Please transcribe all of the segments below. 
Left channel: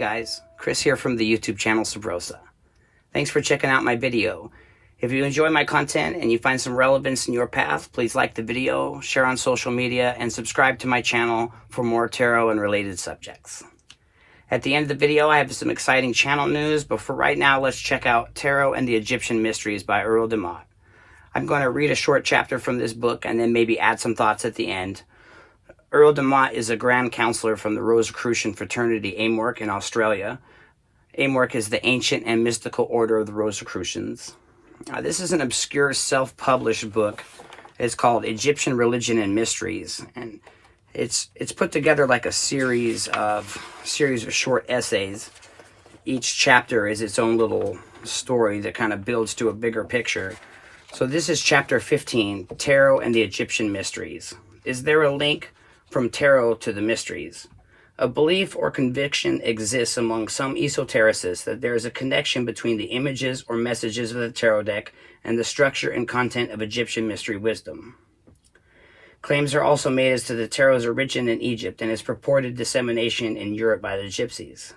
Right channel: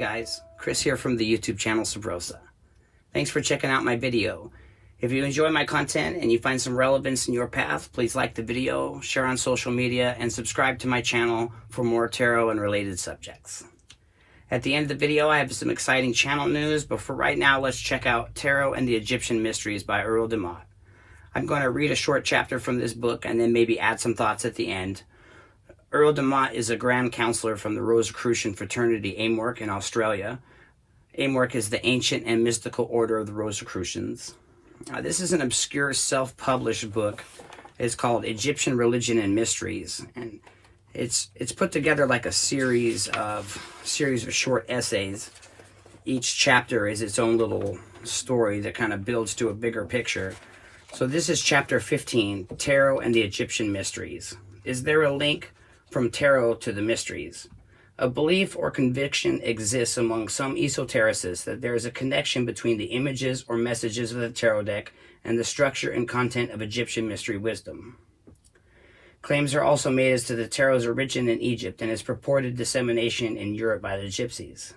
guys, Chris here from the YouTube channel Sabrosa. Thanks for checking out my video. If you enjoy my content and you find some relevance in your path, please like the video, share on social media, and subscribe to my channel for more tarot and related subjects. At the end of the video, I have some exciting channel news, but for right now, let's check out Tarot and the Egyptian Mysteries by Earle De Motte. I'm going to read a short chapter from this book and then maybe add some thoughts at the end. Earle De Motte is a Grand Counselor from the Rosicrucian fraternity Amorc in Australia. Amorc is the ancient and mystical order of the Rosicrucians. This is an obscure self-published book. It's called Egyptian Religion and Mysteries, and it's put together like a series of short essays. Each chapter is its own little story that kind of builds to a bigger picture. So this is chapter 15, Tarot and the Egyptian Mysteries. Is there a link from tarot to the mysteries? A belief or conviction exists among some esotericists that there is a connection between the images or messages of the tarot deck and the structure and content of Egyptian mystery wisdom. Claims are also made as to the tarot's origin in Egypt and its purported dissemination in Europe by the Gypsies.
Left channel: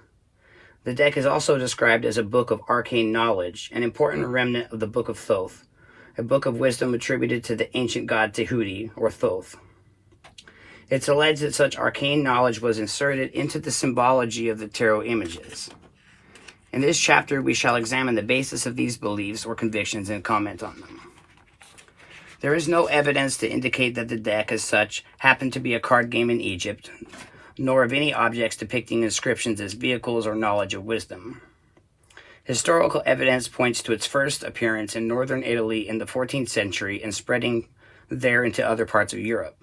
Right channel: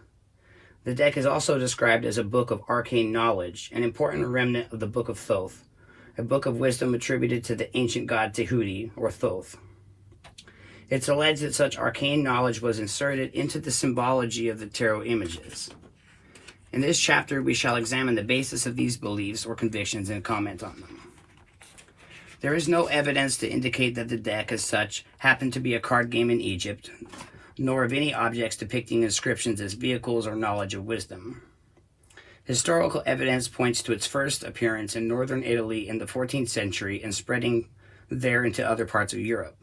The deck is also described as a book of arcane knowledge, an important remnant of the Book of Thoth, a book of wisdom attributed to the ancient god Tehuti, or Thoth. It's alleged that such arcane knowledge was inserted into the symbology of the tarot images. In this chapter, we shall examine the basis of these beliefs or convictions and comment on them. There is no evidence to indicate that the deck as such happened to be a card game in Egypt, nor of any objects depicting inscriptions as vehicles or knowledge of wisdom. Historical evidence points to its first appearance in northern Italy in the 14th century and spreading there into other parts of Europe.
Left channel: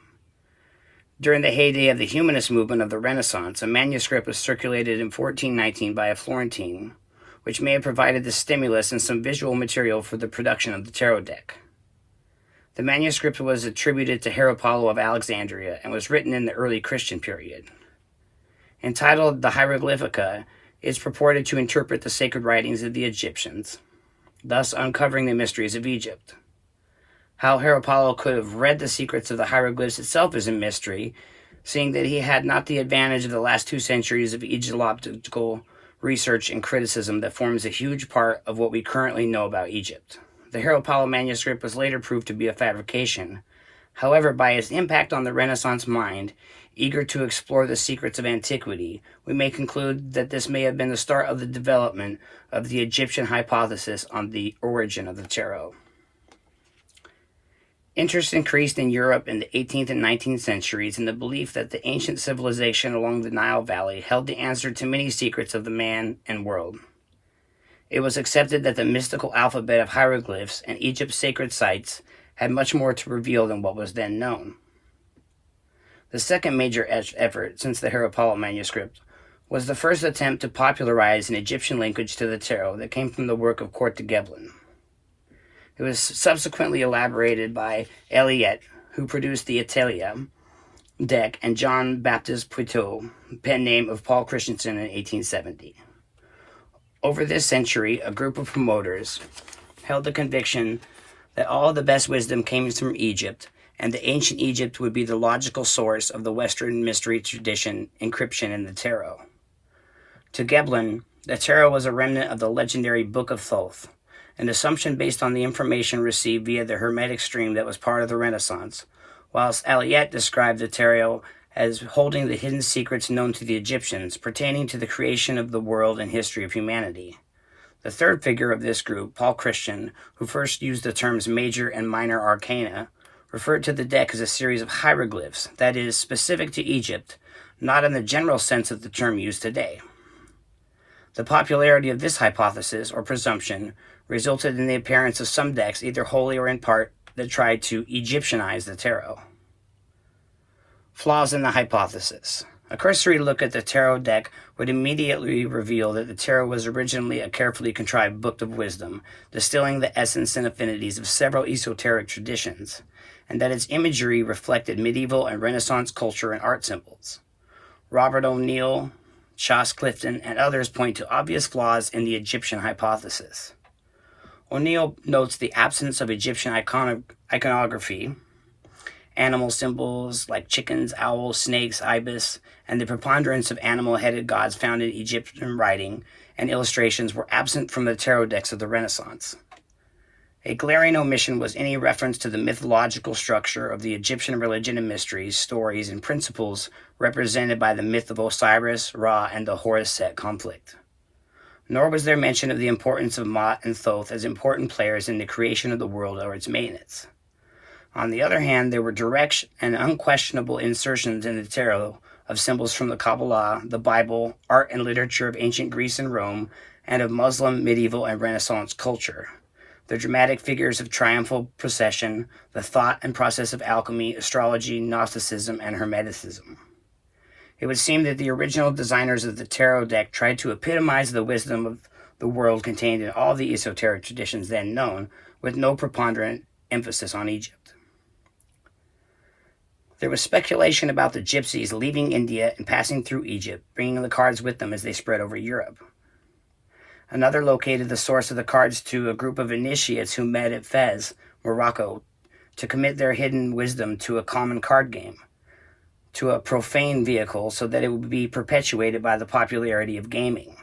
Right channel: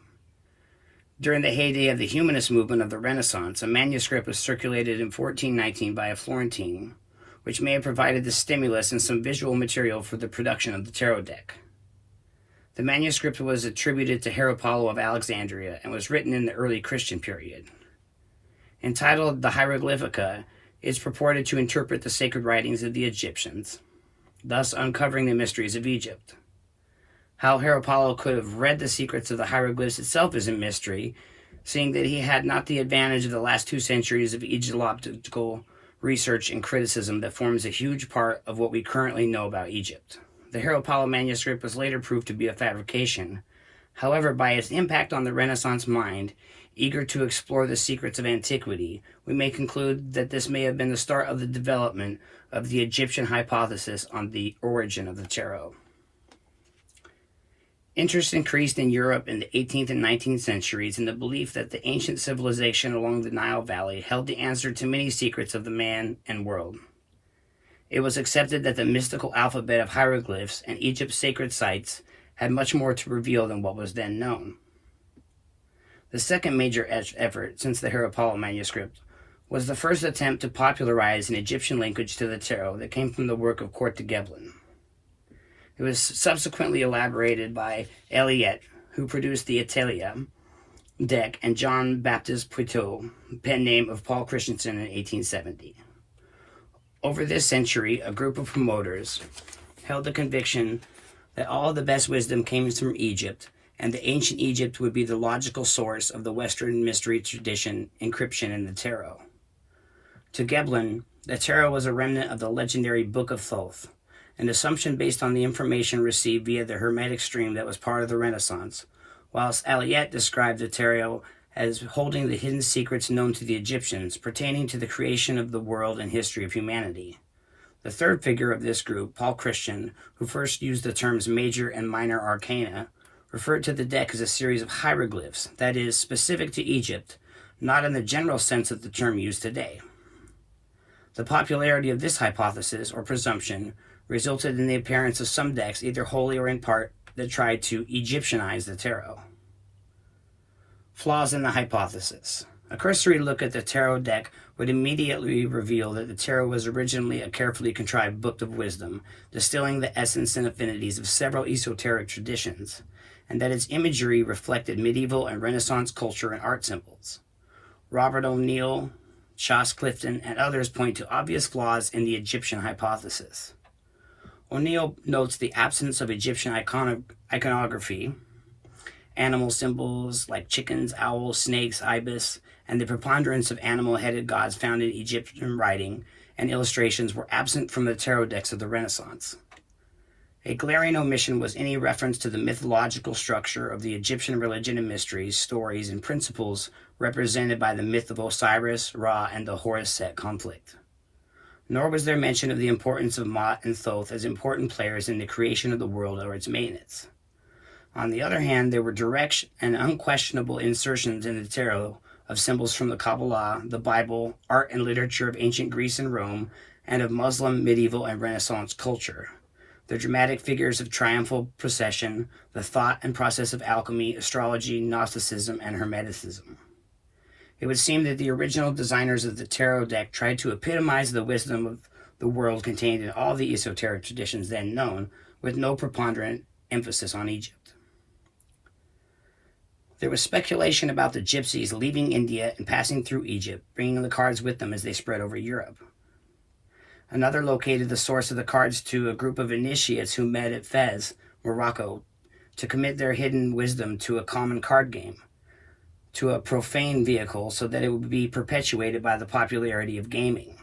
During the heyday of the humanist movement of the Renaissance, a manuscript was circulated in 1419 by a Florentine, which may have provided the stimulus and some visual material for the production of the tarot deck. The manuscript was attributed to Heropalo of Alexandria and was written in the early Christian period. Entitled the Hieroglyphica, it is purported to interpret the sacred writings of the Egyptians, thus uncovering the mysteries of Egypt. How Heropalo could have read the secrets of the hieroglyphs itself is a mystery, seeing that he had not the advantage of the last 2 centuries of Egyptological research and criticism that forms a huge part of what we currently know about Egypt. The Heropalo manuscript was later proved to be a fabrication. However, by its impact on the Renaissance mind, eager to explore the secrets of antiquity, we may conclude that this may have been the start of the development of the Egyptian hypothesis on the origin of the tarot. Interest increased in Europe in the 18th and 19th centuries in the belief that the ancient civilization along the Nile Valley held the answer to many secrets of the man and world. It was accepted that the mystical alphabet of hieroglyphs and Egypt's sacred sites had much more to reveal than what was then known. The second major effort since the Heropalo manuscript was the first attempt to popularize an Egyptian linkage to the tarot that came from the work of Earle De Motte. It was subsequently elaborated by Aliette, who produced the Italia deck, and John Baptist Poitou, pen name of Paul Christensen in 1870. Over this century, a group of promoters held the conviction that all the best wisdom came from Egypt, and that ancient Egypt would be the logical source of the Western mystery tradition encryption in the tarot. To Geblin, the tarot was a remnant of the legendary Book of Thoth, an assumption based on the information received via the Hermetic stream that was part of the Renaissance, whilst Aliette described the tarot as holding the hidden secrets known to the Egyptians pertaining to the creation of the world and history of humanity. The third figure of this group, Paul Christian, who first used the terms major and minor arcana, referred to the deck as a series of hieroglyphs, that is, specific to Egypt, not in the general sense of the term used today. The popularity of this hypothesis, or presumption, resulted in the appearance of some decks, either wholly or in part, that tried to Egyptianize the tarot. Flaws in the hypothesis. A cursory look at the tarot deck would immediately reveal that the tarot was originally a carefully contrived book of wisdom, distilling the essence and affinities of several esoteric traditions, and that its imagery reflected medieval and Renaissance culture and art symbols. Robert O'Neill, Chas Clifton, and others point to obvious flaws in the Egyptian hypothesis. O'Neill notes the absence of Egyptian iconography, animal symbols like chickens, owls, snakes, ibis, and the preponderance of animal-headed gods found in Egyptian writing and illustrations were absent from the tarot decks of the Renaissance. A glaring omission was any reference to the mythological structure of the Egyptian religion and mysteries, stories, and principles represented by the myth of Osiris, Ra, and the Horus-Set conflict. Nor was there mention of the importance of Mot and Thoth as important players in the creation of the world or its maintenance. On the other hand, there were direct and unquestionable insertions in the tarot of symbols from the Kabbalah, the Bible, art and literature of ancient Greece and Rome, and of Muslim, medieval, and Renaissance culture. The dramatic figures of triumphal procession, the thought and process of alchemy, astrology, Gnosticism, and Hermeticism. It would seem that the original designers of the tarot deck tried to epitomize the wisdom of the world contained in all the esoteric traditions then known, with no preponderant emphasis on Egypt. There was speculation about the gypsies leaving India and passing through Egypt, bringing the cards with them as they spread over Europe. Another located the source of the cards to a group of initiates who met at Fez, Morocco, to commit their hidden wisdom to a common card game, to a profane vehicle so that it would be perpetuated by the popularity of gaming.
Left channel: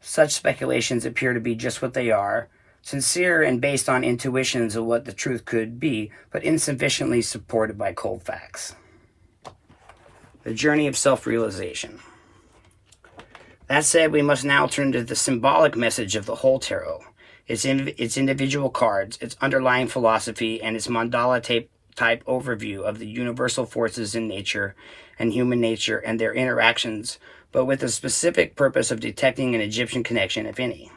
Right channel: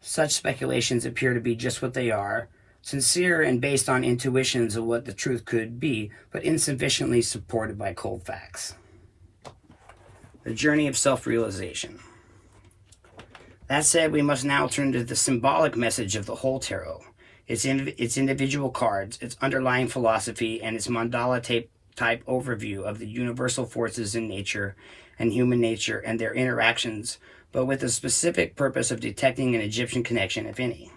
Such speculations appear to be just what they are, sincere and based on intuitions of what the truth could be, but insufficiently supported by cold facts. The journey of self-realization. That said, we must now turn to the symbolic message of the whole tarot, its individual cards, its underlying philosophy, and its mandala type overview of the universal forces in nature and human nature and their interactions, but with the specific purpose of detecting an Egyptian connection, if any.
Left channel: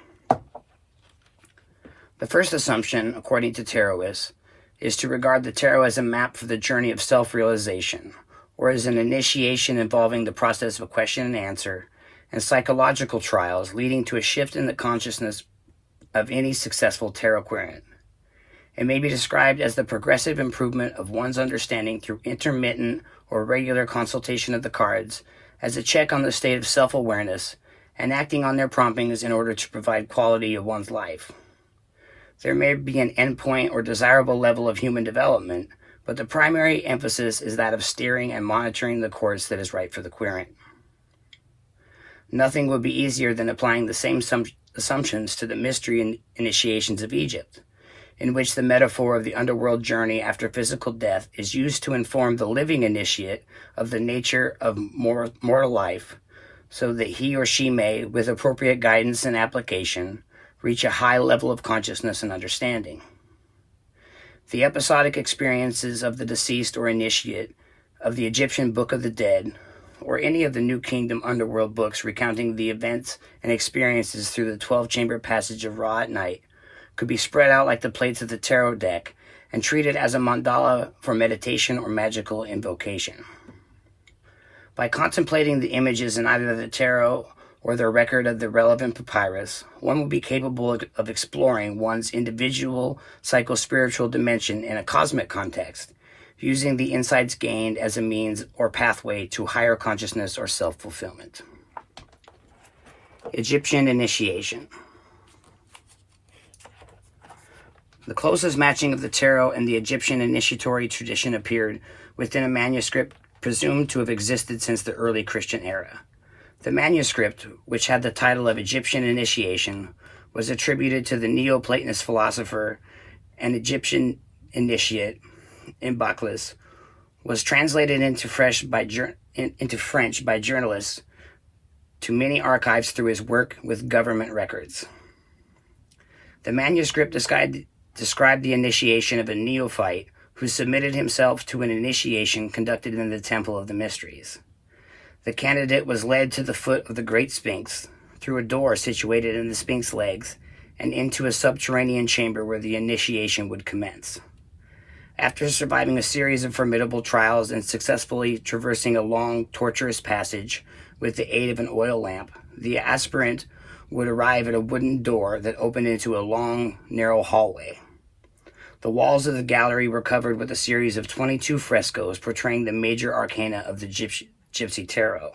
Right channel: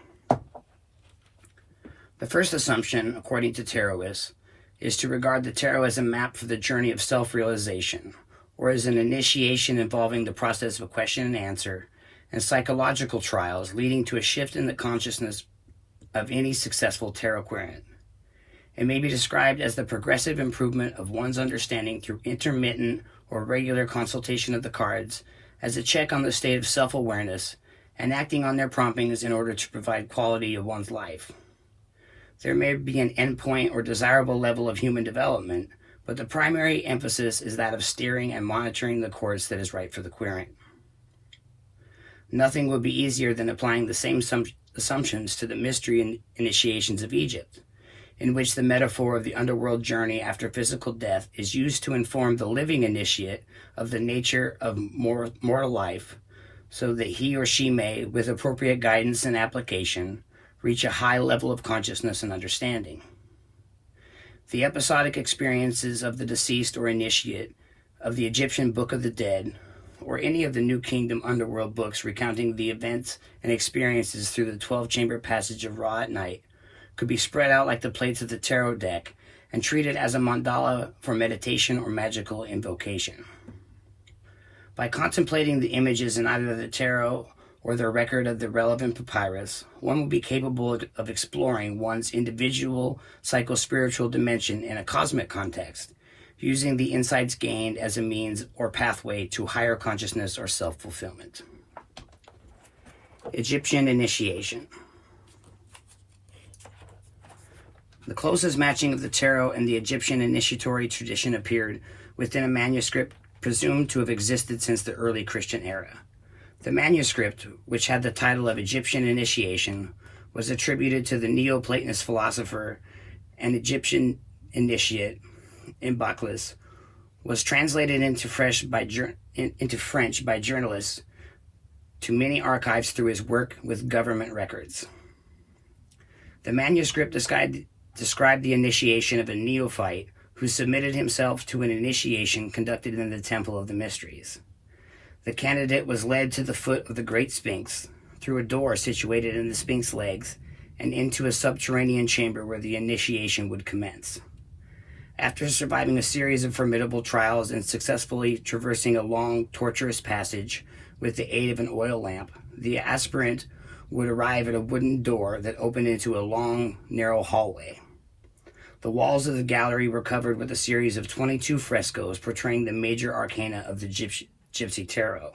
The first assumption, according to tarotists, is to regard the tarot as a map for the journey of self-realization, or as an initiation involving the process of question and answer, and psychological trials leading to a shift in the consciousness of any successful tarot querent. It may be described as the progressive improvement of one's understanding through intermittent or regular consultation of the cards, as a check on the state of self-awareness, and acting on their promptings in order to provide quality of one's life. There may be an endpoint or desirable level of human development, but the primary emphasis is that of steering and monitoring the course that is right for the querent. Nothing would be easier than applying the same assumptions to the mystery initiations of Egypt, in which the metaphor of the underworld journey after physical death is used to inform the living initiate of the nature of mortal life, so that he or she may, with appropriate guidance and application, reach a high level of consciousness and understanding. The episodic experiences of the deceased or initiate of the Egyptian Book of the Dead, or any of the New Kingdom underworld books recounting the events and experiences through the 12-chamber passage of Ra at night, could be spread out like the plates of the tarot deck and treated as a mandala for meditation or magical invocation. By contemplating the images in either the tarot or the record of the relevant papyrus, one will be capable of exploring one's individual psycho-spiritual dimension in a cosmic context, using the insights gained as a means or pathway to higher consciousness or self-fulfillment. Egyptian initiation. The closest matching of the tarot and the Egyptian initiatory tradition appeared within a manuscript presumed to have existed since the early Christian era. The manuscript, which had the title of Egyptian Initiation, was attributed to the Neoplatonist philosopher and Egyptian initiate Imbaclus, was translated into French by journalists to many archives through his work with government records. The manuscript described the initiation of a neophyte who submitted himself to an initiation conducted in the Temple of the Mysteries. The candidate was led to the foot of the Great Sphinx, through a door situated in the Sphinx legs, and into a subterranean chamber where the initiation would commence. After surviving a series of formidable trials and successfully traversing a long, tortuous passage with the aid of an oil lamp, the aspirant would arrive at a wooden door that opened into a long, narrow hallway. The walls of the gallery were covered with a series of 22 frescoes portraying the major arcana of the Gypsy Tarot.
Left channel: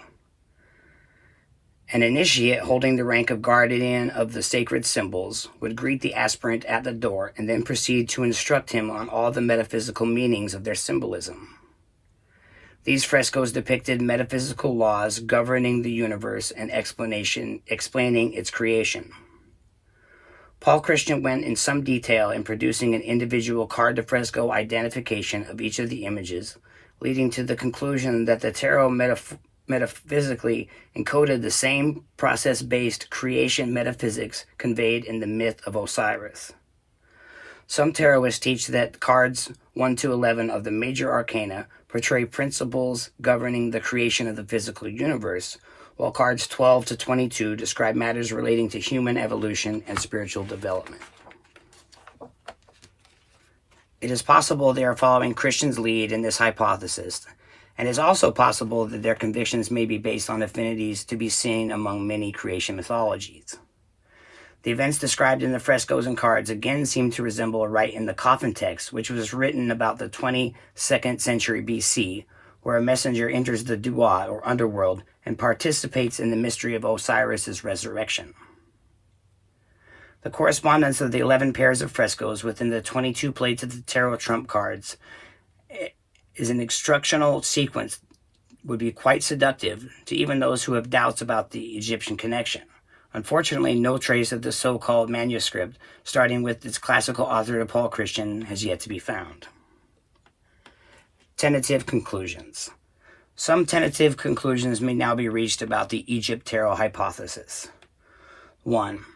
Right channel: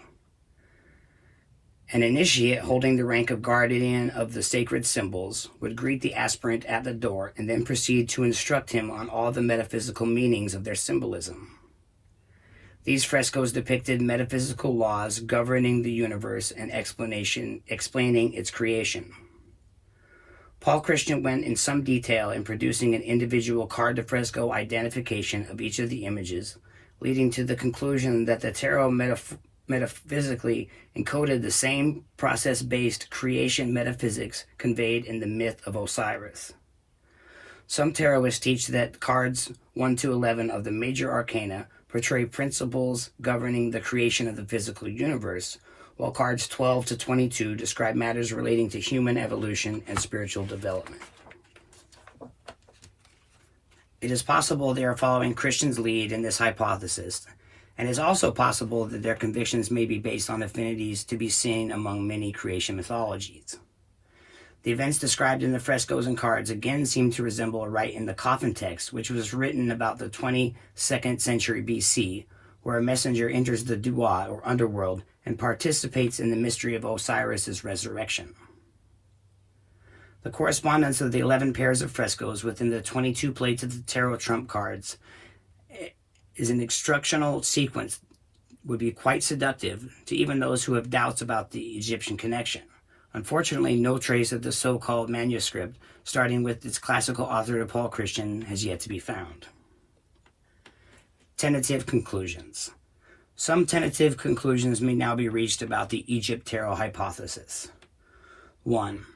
An initiate holding the rank of guardian of the sacred symbols would greet the aspirant at the door and then proceed to instruct him on all the metaphysical meanings of their symbolism. These frescoes depicted metaphysical laws governing the universe and explaining its creation. Paul Christian went in some detail in producing an individual card de fresco identification of each of the images, leading to the conclusion that the tarot metaphysically encoded the same process-based creation metaphysics conveyed in the myth of Osiris. Some tarotists teach that cards 1 to 11 of the major arcana portray principles governing the creation of the physical universe, while cards 12 to 22 describe matters relating to human evolution and spiritual development. It is possible they are following Christian's lead in this hypothesis, and it is also possible that their convictions may be based on affinities to be seen among many creation mythologies. The events described in the frescoes and cards again seem to resemble a rite in the coffin text, which was written about the 22nd century BC, where a messenger enters the duat, or underworld, and participates in the mystery of Osiris's resurrection. The correspondence of the 11 pairs of frescoes within the 22 plates of the tarot trump cards is an instructional sequence would be quite seductive to even those who have doubts about the Egyptian connection. Unfortunately, no trace of the so-called manuscript, starting with its classical author Paul Christian, has yet to be found. Tentative conclusions. Some tentative conclusions may now be reached about the Egypt tarot hypothesis. 1.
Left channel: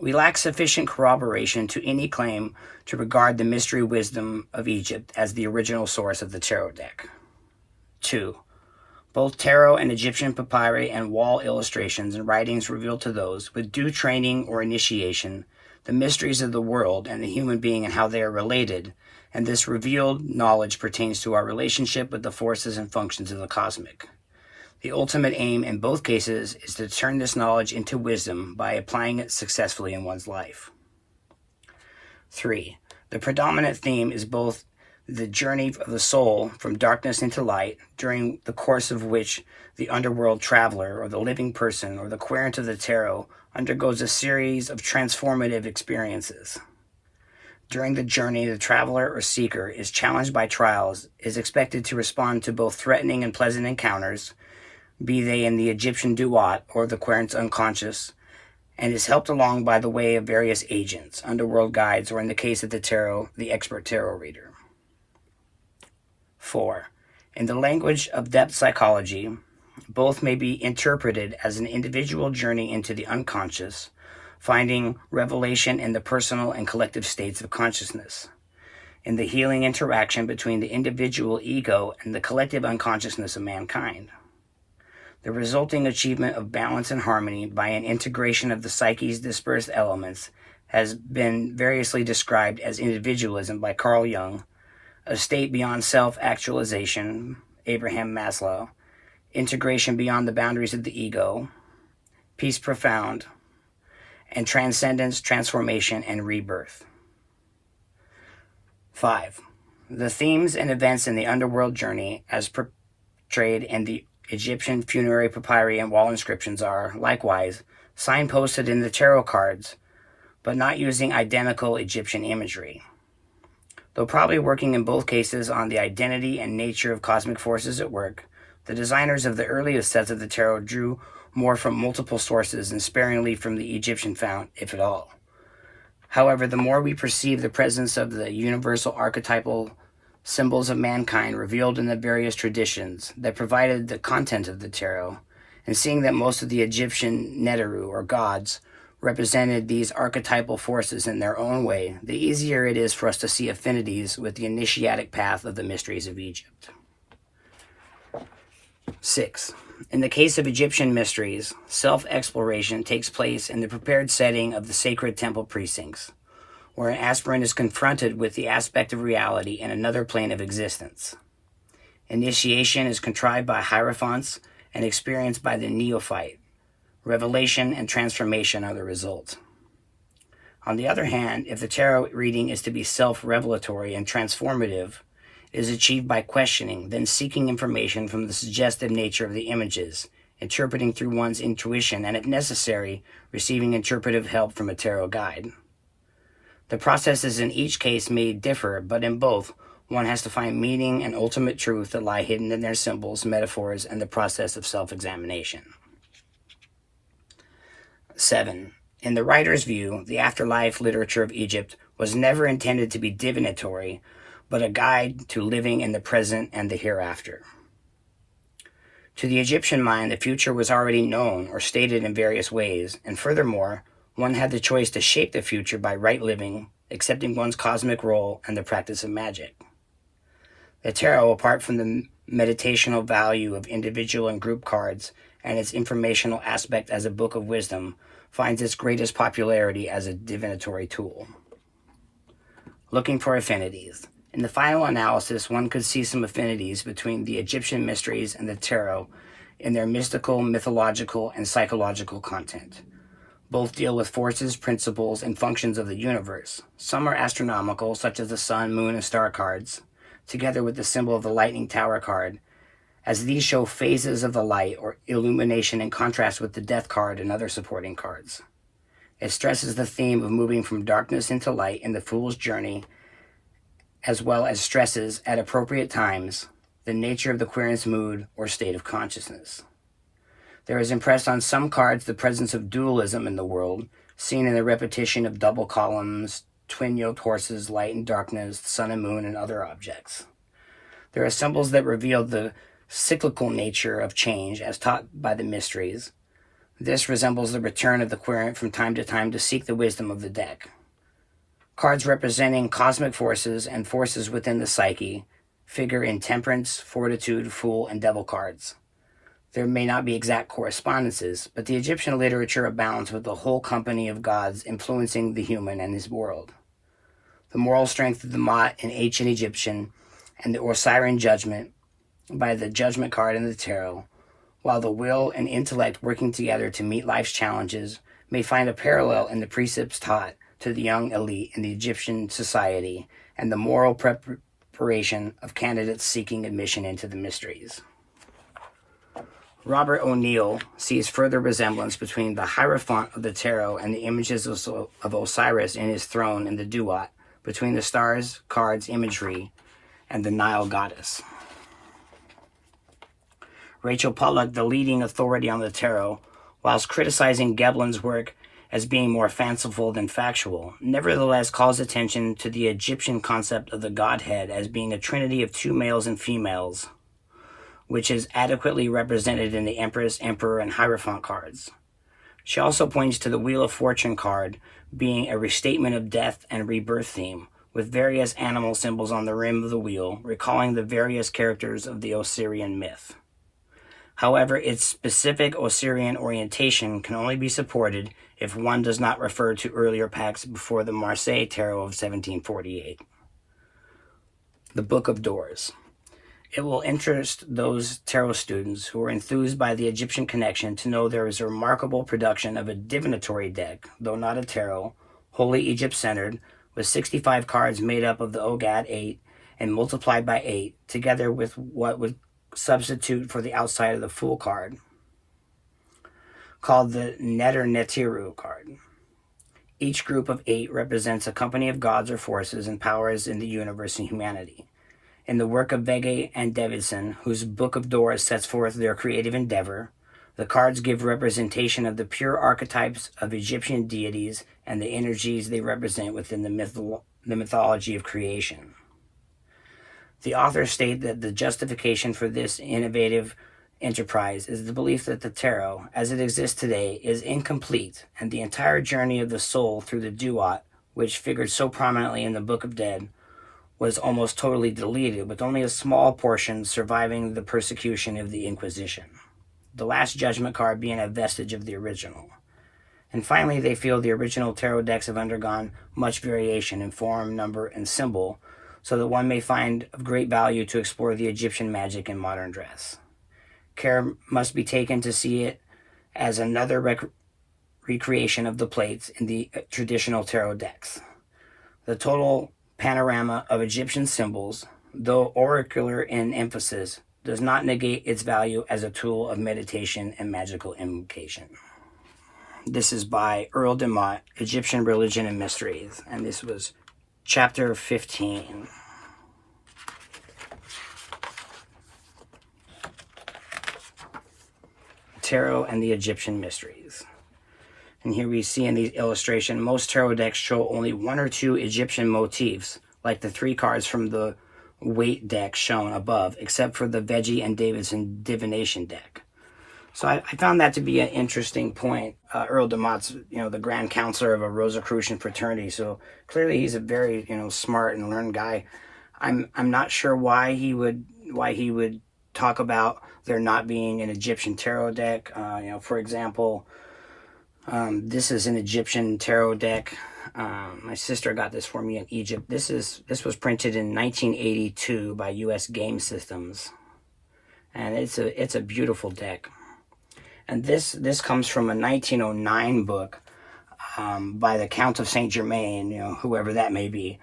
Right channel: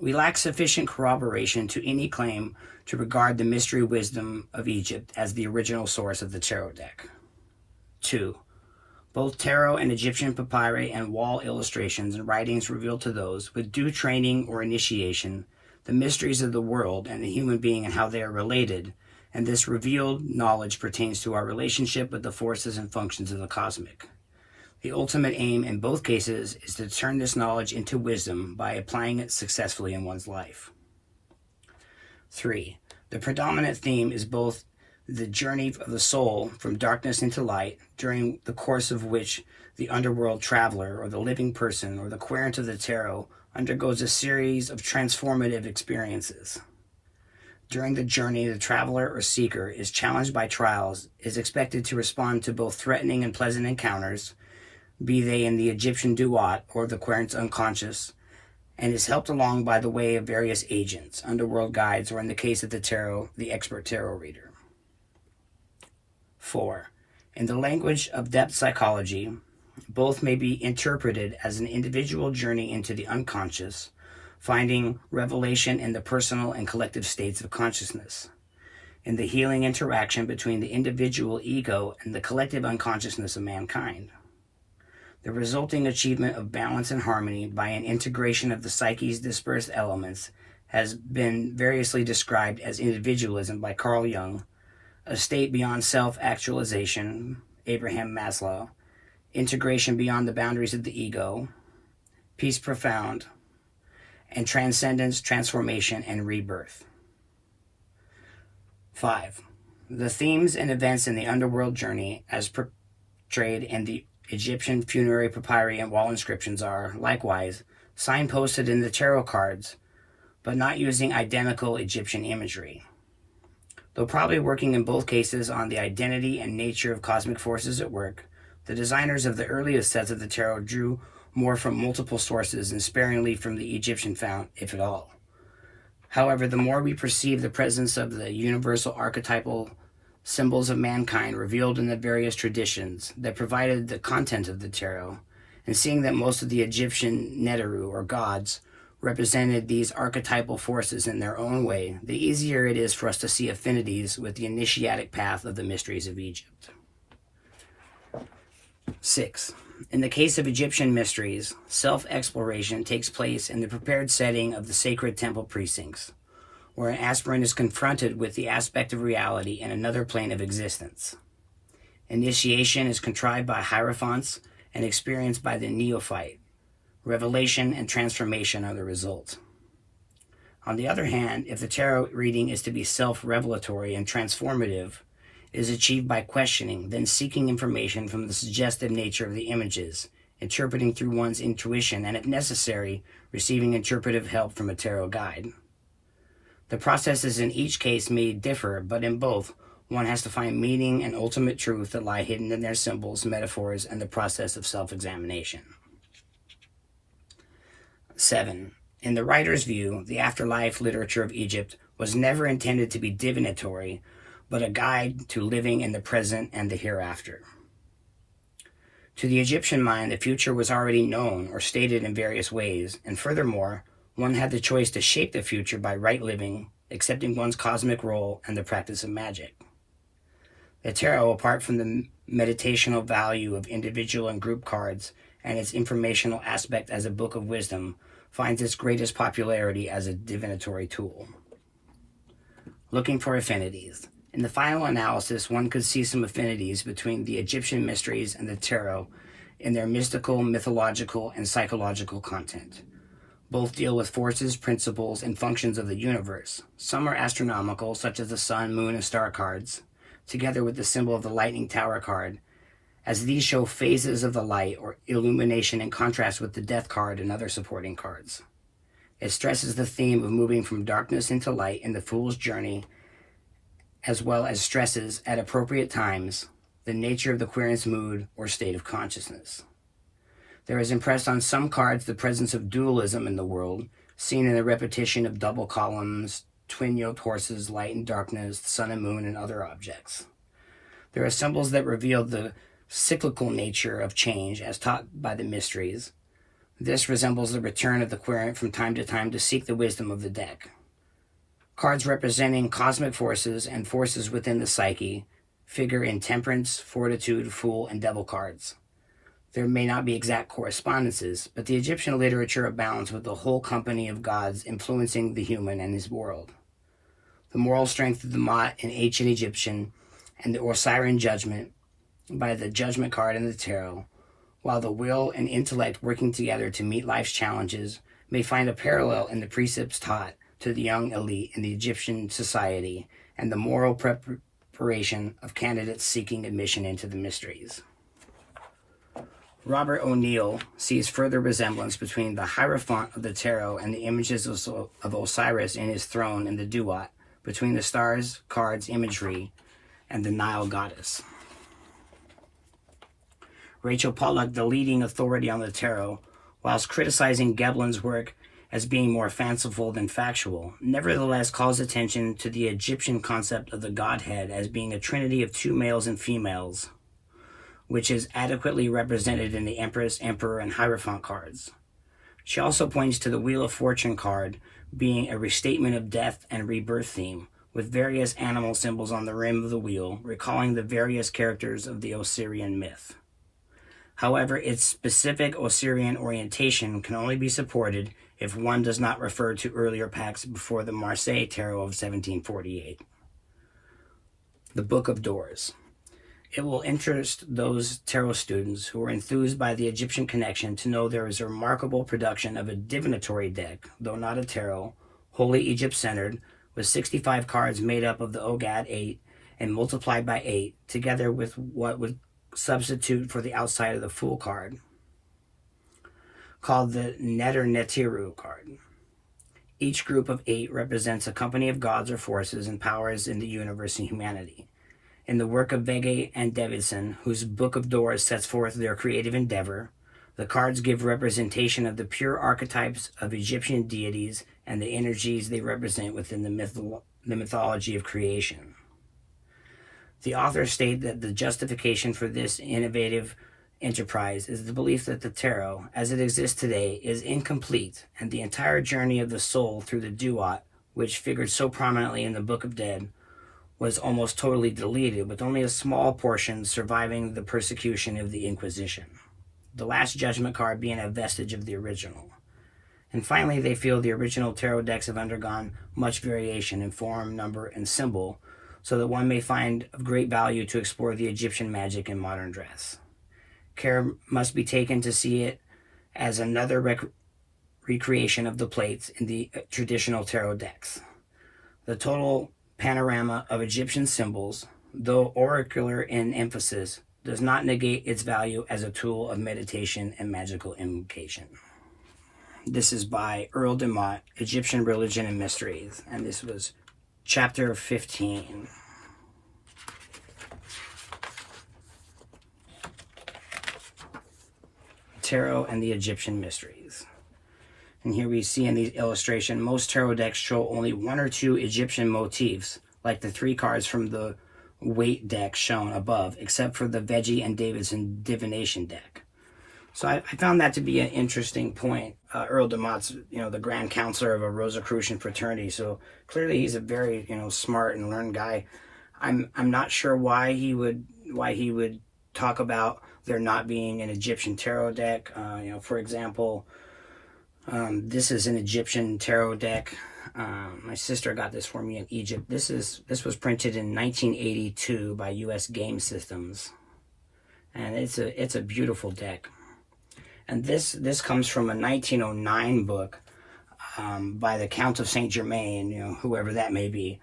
We lack sufficient corroboration to any claim to regard the mystery wisdom of Egypt as the original source of the tarot deck. 2. Both tarot and Egyptian papyri and wall illustrations and writings reveal to those with due training or initiation the mysteries of the world and the human being and how they are related, and this revealed knowledge pertains to our relationship with the forces and functions of the cosmic. The ultimate aim in both cases is to turn this knowledge into wisdom by applying it successfully in one's life. 3. The predominant theme is both the journey of the soul from darkness into light, during the course of which the underworld traveler or the living person or the querent of the tarot undergoes a series of transformative experiences. During the journey, the traveler or seeker is challenged by trials, is expected to respond to both threatening and pleasant encounters, be they in the Egyptian duat or the querent's unconscious, and is helped along by the way of various agents, underworld guides, or in the case of the tarot, the expert tarot reader. 4. In the language of depth psychology, both may be interpreted as an individual journey into the unconscious, finding revelation in the personal and collective states of consciousness, in the healing interaction between the individual ego and the collective unconsciousness of mankind. The resulting achievement of balance and harmony by an integration of the psyche's dispersed elements has been variously described as individualism by Carl Jung, a state beyond self-actualization, Abraham Maslow, integration beyond the boundaries of the ego, peace profound, and transcendence, transformation, and rebirth. 5. The themes and events in the underworld journey, as portrayed in the Egyptian funerary papyri and wall inscriptions, are, likewise, signposted in the tarot cards, but not using identical Egyptian imagery. Though probably working in both cases on the identity and nature of cosmic forces at work, the designers of the earliest sets of the tarot drew more from multiple sources and sparingly from the Egyptian fount, if at all. However, the more we perceive the presence of the universal archetypal symbols of mankind revealed in the various traditions that provided the content of the tarot, and seeing that most of the Egyptian Neteru, or gods, represented these archetypal forces in their own way, the easier it is for us to see affinities with the initiatic path of the mysteries of Egypt. 6. In the case of Egyptian mysteries, self-exploration takes place in the prepared setting of the sacred temple precincts, where an aspirant is confronted with the aspect of reality in another plane of existence. Initiation is contrived by hierophants and experienced by the neophyte. Revelation and transformation are the result. On the other hand, if the tarot reading is to be self-revelatory and transformative, it is achieved by questioning, then seeking information from the suggestive nature of the images, interpreting through one's intuition, and if necessary, receiving interpretive help from a tarot guide. The processes in each case may differ, but in both, one has to find meaning and ultimate truth that lie hidden in their symbols, metaphors, and the process of self-examination. 7. In the writer's view, the afterlife literature of Egypt was never intended to be divinatory, but a guide to living in the present and the hereafter. To the Egyptian mind, the future was already known or stated in various ways, and furthermore, one had the choice to shape the future by right living, accepting one's cosmic role, and the practice of magic. The tarot, apart from the meditational value of individual and group cards and its informational aspect as a book of wisdom, finds its greatest popularity as a divinatory tool. Looking for affinities. In the final analysis, one could see some affinities between the Egyptian mysteries and the tarot in their mystical, mythological, and psychological content. Both deal with forces, principles, and functions of the universe. Some are astronomical, such as the sun, moon, and star cards, together with the symbol of the lightning tower card, as these show phases of the light or illumination in contrast with the death card and other supporting cards. It stresses the theme of moving from darkness into light in the fool's journey, as well as stresses, at appropriate times, the nature of the querent's mood or state of consciousness. There is impressed on some cards the presence of dualism in the world, seen in the repetition of double columns, twin-yoked horses, light and darkness, sun and moon, and other objects. There are symbols that reveal the cyclical nature of change as taught by the mysteries. This resembles the return of the querent from time to time to seek the wisdom of the deck. Cards representing cosmic forces and forces within the psyche figure in temperance, fortitude, fool, and devil cards. There may not be exact correspondences, but the Egyptian literature abounds with the whole company of gods influencing the human and his world. The moral strength of the Mot in ancient Egyptian and the Osirian judgment by the judgment card in the tarot, while the will and intellect working together to meet life's challenges, may find a parallel in the precepts taught to the young elite in the Egyptian society and the moral preparation of candidates seeking admission into the mysteries. Robert O'Neill sees further resemblance between the Hierophant of the tarot and the images of Osiris in his throne in the Duat, between the stars, cards, imagery, and the Nile goddess. Rachel Pollack, the leading authority on the tarot, whilst criticizing Geblin's work as being more fanciful than factual, nevertheless calls attention to the Egyptian concept of the Godhead as being a trinity of two males and females, which is adequately represented in the Empress, Emperor, and Hierophant cards. She also points to the Wheel of Fortune card being a restatement of death and rebirth theme, with various animal symbols on the rim of the wheel, recalling the various characters of the Osirian myth. However, its specific Osirian orientation can only be supported if one does not refer to earlier packs before the Marseille Tarot of 1748. The Book of Doors. It will interest those tarot students who are enthused by the Egyptian connection to know there is a remarkable production of a divinatory deck, though not a tarot, wholly Egypt-centered, with 65 cards made up of the Ogad 8 and multiplied by 8, together with what would substitute for the outside of the Fool card, called the Neter Netiru card. Each group of 8 represents a company of gods or forces and powers in the universe and humanity. In the work of Vege and Davidson, whose Book of Doors sets forth their creative endeavor, the cards give representation of the pure archetypes of Egyptian deities and the energies they represent within the mythology of creation. The authors state that the justification for this innovative enterprise is the belief that the tarot, as it exists today, is incomplete, and the entire journey of the soul through the Duat, which figured so prominently in the Book of Dead, was almost totally deleted, with only a small portion surviving the persecution of the Inquisition, the Last Judgment card being a vestige of the original. And finally, they feel the original tarot decks have undergone much variation in form, number, and symbol, so that one may find of great value to explore the Egyptian magic in modern dress. Care must be taken to see it as another recreation of the plates in the traditional tarot decks. The total panorama of Egyptian symbols, though oracular in emphasis, does not negate its value as a tool of meditation and magical invocation. This is by Earle De Motte, Egyptian Religion and Mysteries, and this was Chapter 15. Tarot and the Egyptian Mysteries. And here we see in the illustration, most tarot decks show only 1 or 2 Egyptian motifs, like the 3 cards from the weight deck shown above, except for the Veggie and Davidson divination deck. So I found that to be an interesting point. Earle De Motte's, the Grand Counselor of a Rosicrucian fraternity, so clearly he's a very, smart and learned guy. I'm not sure why he would talk about there not being an Egyptian tarot deck. For example, this is an Egyptian tarot deck. My sister got this for me in Egypt. This was printed in 1982 by U.S. Game Systems, and it's a beautiful deck. And this comes from a 1909 book by the Count of Saint Germaine, whoever that may be,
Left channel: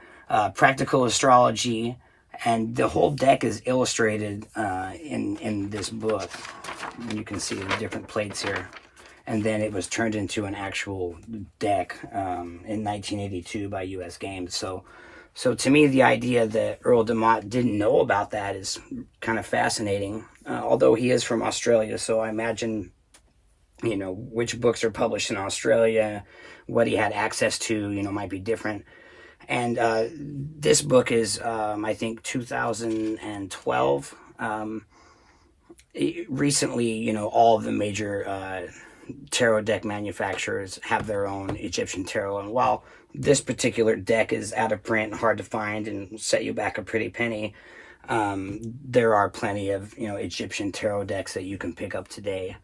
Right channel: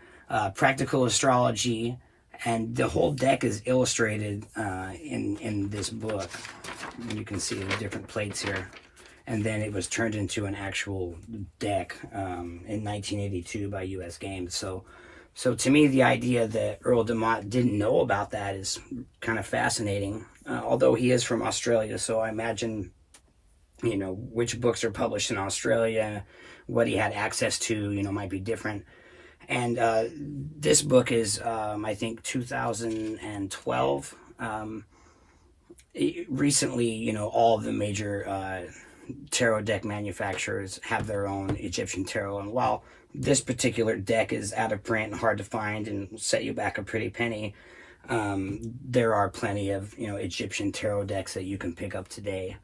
Practical Astrology, and the whole deck is illustrated in this book. You can see the different plates here. And then it was turned into an actual deck in 1982 by U.S. Games. So to me, the idea that Earle De Motte didn't know about that is kind of fascinating. Although he is from Australia, so I imagine, which books are published in Australia, what he had access to, might be different. And this book is, I think, 2012. Recently, all of the major tarot deck manufacturers have their own Egyptian tarot, and while this particular deck is out of print and hard to find and set you back a pretty penny, there are plenty of Egyptian tarot decks that you can pick up today.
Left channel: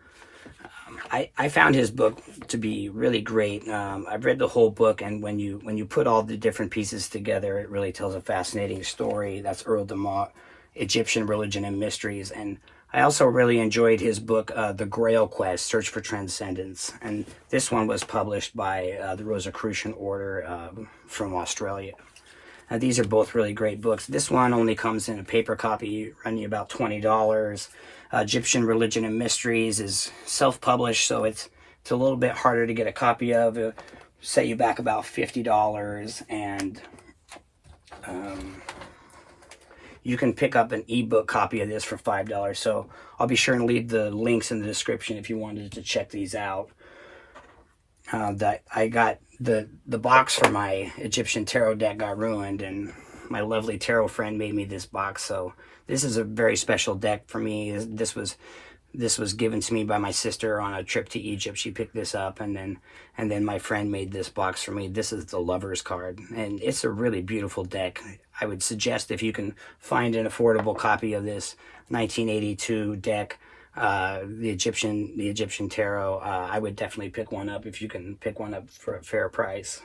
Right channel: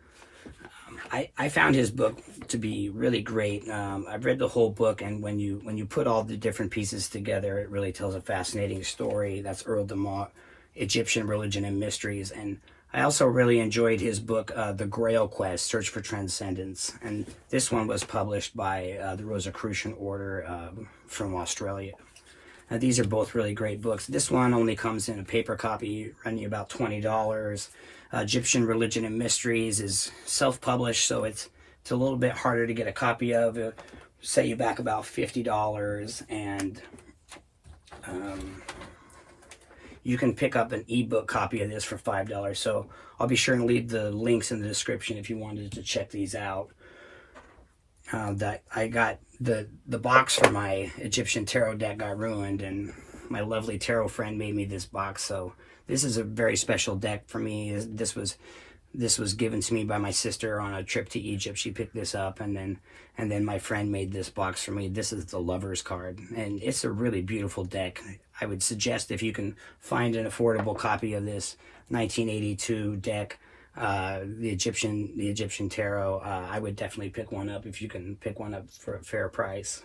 I found his book to be really great. I've read the whole book, and when you put all the different pieces together, it really tells a fascinating story. That's Earle De Motte, Egyptian Religion and Mysteries. And I also really enjoyed his book, The Grail Quest, Search for Transcendence. And this one was published by the Rosicrucian Order from Australia. These are both really great books. This one only comes in a paper copy, running you about $20. Egyptian Religion and Mysteries is self-published, so it's a little bit harder to get a copy of. It'll set you back about $50, and you can pick up an ebook copy of this for $5. So I'll be sure and leave the links in the description if you wanted to check these out. That I got the box for my Egyptian tarot deck got ruined, and my lovely tarot friend made me this box. So this is a very special deck for me. This was given to me by my sister on a trip to Egypt. She picked this up, and then my friend made this box for me. This is the Lover's card, and it's a really beautiful deck. I would suggest, if you can find an affordable copy of this 1982 deck, the Egyptian tarot, I would definitely pick one up if you can pick one up for a fair price.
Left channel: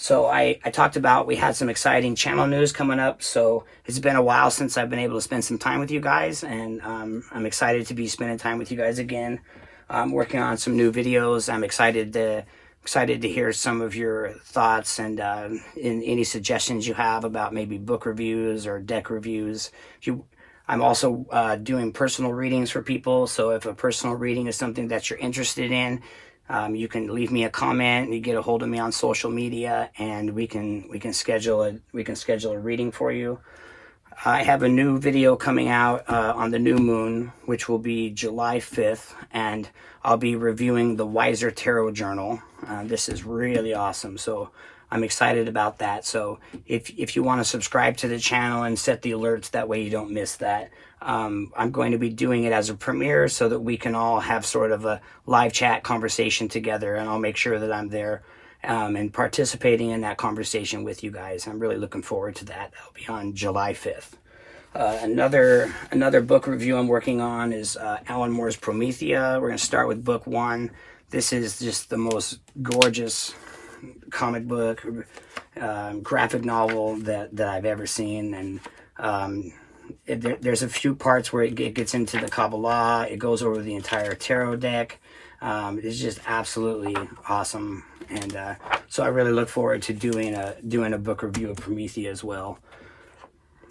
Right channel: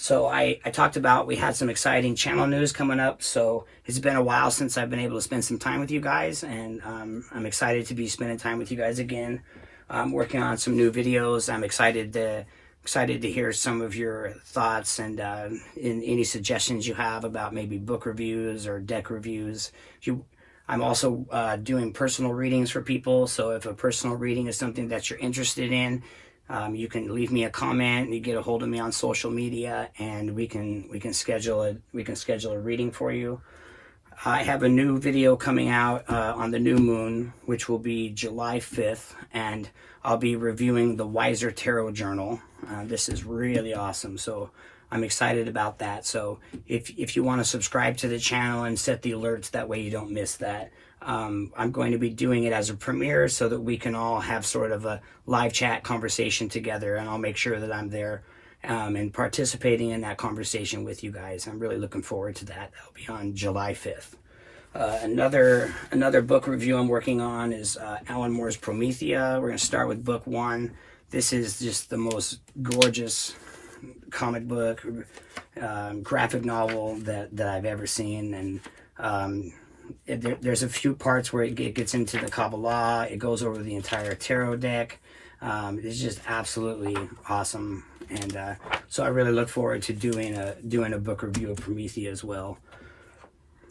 So I talked about, we had some exciting channel news coming up. So it's been a while since I've been able to spend some time with you guys, and I'm excited to be spending time with you guys again. I'm working on some new videos. I'm excited to hear some of your thoughts and in any suggestions you have about maybe book reviews or deck reviews. I'm also doing personal readings for people, so if a personal reading is something that you're interested in, you can leave me a comment. You get a hold of me on social media, and we can schedule a reading for you. I have a new video coming out on the new moon, which will be July 5th, and I'll be reviewing the Wiser Tarot Journal. This is really awesome, so I'm excited about that. So if you want to subscribe to the channel and set the alerts, that way you don't miss that. I'm going to be doing it as a premiere so that we can all have sort of a live chat conversation together, and I'll make sure that I'm there and participating in that conversation with you guys. I'm really looking forward to that. That'll be on July 5th. Another book review I'm working on is Alan Moore's Promethea. We're going to start with book 1. This is just the most gorgeous comic book, graphic novel that I've ever seen, and there's a few parts where it gets into the Kabbalah. It goes over the entire tarot deck. It's just absolutely awesome, and so I really look forward to doing a book review of Promethea as well.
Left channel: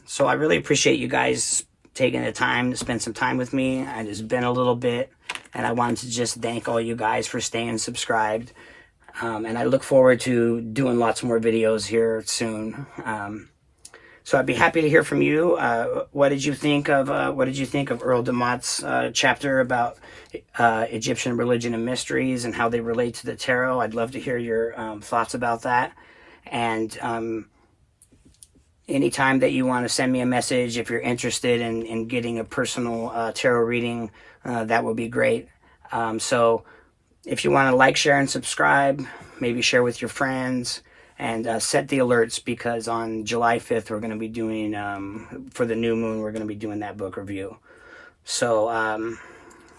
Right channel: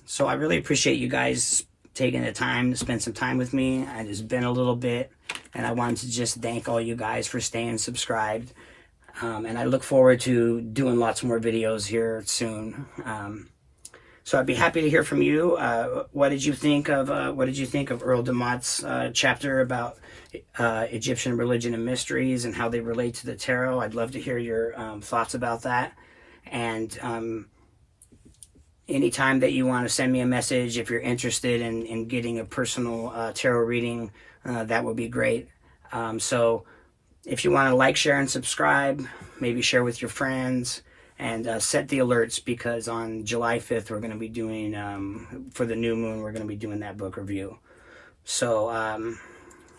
So I really appreciate you guys taking the time to spend some time with me. And it's been a little bit, and I wanted to just thank all you guys for staying subscribed. And I look forward to doing lots more videos here soon. So I'd be happy to hear from you. What did you think of Earle De Motte's chapter about Egyptian religion and mysteries and how they relate to the tarot. I'd love to hear your thoughts about that. And anytime that you want to send me a message, if you're interested in getting a personal tarot reading, that would be great. So if you want to like, share, and subscribe, maybe share with your friends, and set the alerts, because on July 5th, we're going to be doing, for the new moon, we're going to be doing that book review. So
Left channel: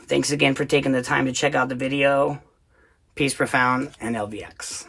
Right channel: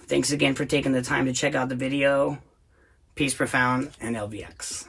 thanks again for taking the time to check out the video. Peace, Profound, and LVX.